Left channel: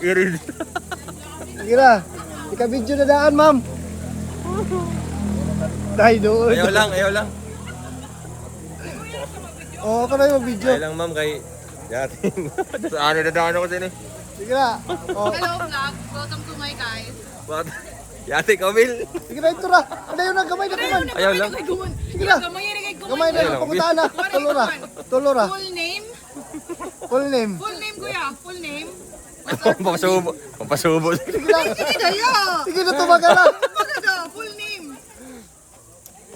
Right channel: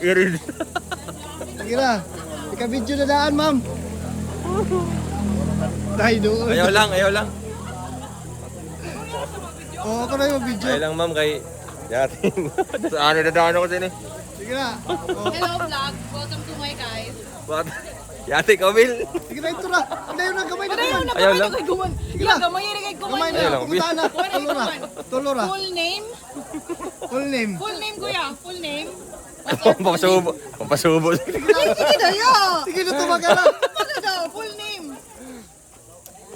Irid. Sige na. Ika-video na daan, ma'am. Dahil doon. Ayaw lang. Oo, ako na yung video. Ayaw lang ma'am kay yatin. Saan na dadaan ako sini? Sige na. Oh. Hello vlog, welcome to my guys. Bakit? Yate ka, Will. Sige na, ito na. Ano yun na, gamay na naman. Ayaw lang. Sige na. Gamay na kay Gamay na. Ayaw lang, Pumunta na. Tulo na. Tulo na. Full name? Full name. Full name kuya, full name? Pampasubo. Sige dayo. Sige na, tumaga na. Magaga, full name.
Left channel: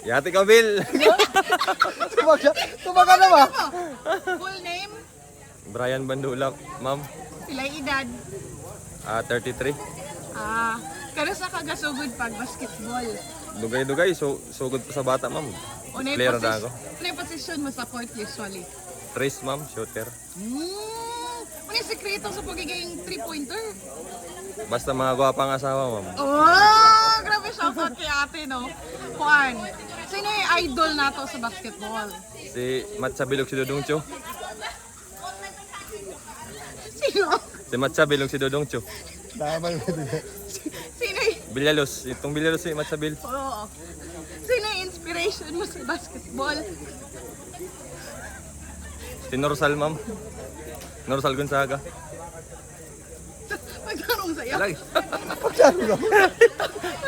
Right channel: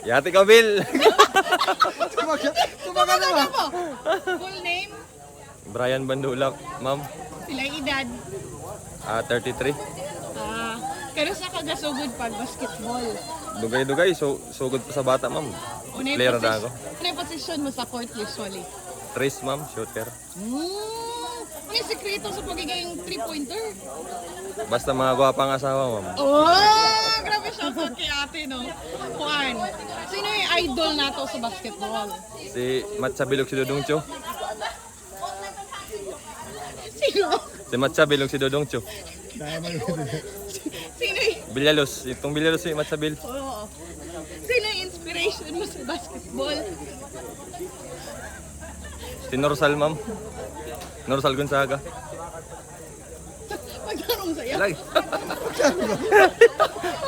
Yate ka, Will. Tumaga na ba? Full name? Brian Bandulak, ma'am. Sila edad. 33. Kano sa kagasugod pag basketball? Dugay-dugay, sugod pa sa bata, ma'am. Unay Player na ako. position mo sa court usually? Trace, ma'am, shooter. Ano yung sekreto sa pagiging 3-pointer? Basta mga gwapang asawa, ma'am. Oh, grabe shoutout kay ate, no? Juan, sino yung idol nato sa basketball? Si Matsa Bilog si Dodong Cho. Sino? Si Matsa Bilog si Dodong Cho. Tama yun. Sino yung... Bilyalos, itong Bilyalos si Matsa Bil. Oo. Sino yung inspiration mo sa basketball? Si Norsal, ma'am. Norsal Gonzaga. Magtanong sa'yo. Lagi.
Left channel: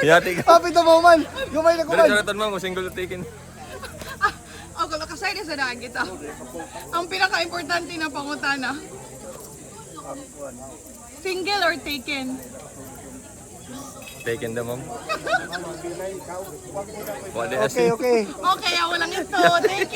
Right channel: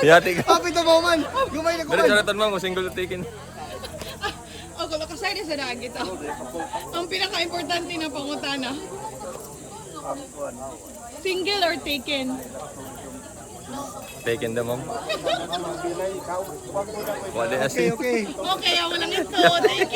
Yate ka. Happy to moment. Gamay na Pero kumay. charatan, ma'am, kung single taken. Ako, makasay na sa daan kita. Ang pinaka-importante na pangutana. Single or taken? Taken daw, ma'am. Wala Okay, okay. Okay, walang ito. Thank you.